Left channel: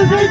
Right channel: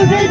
وزيد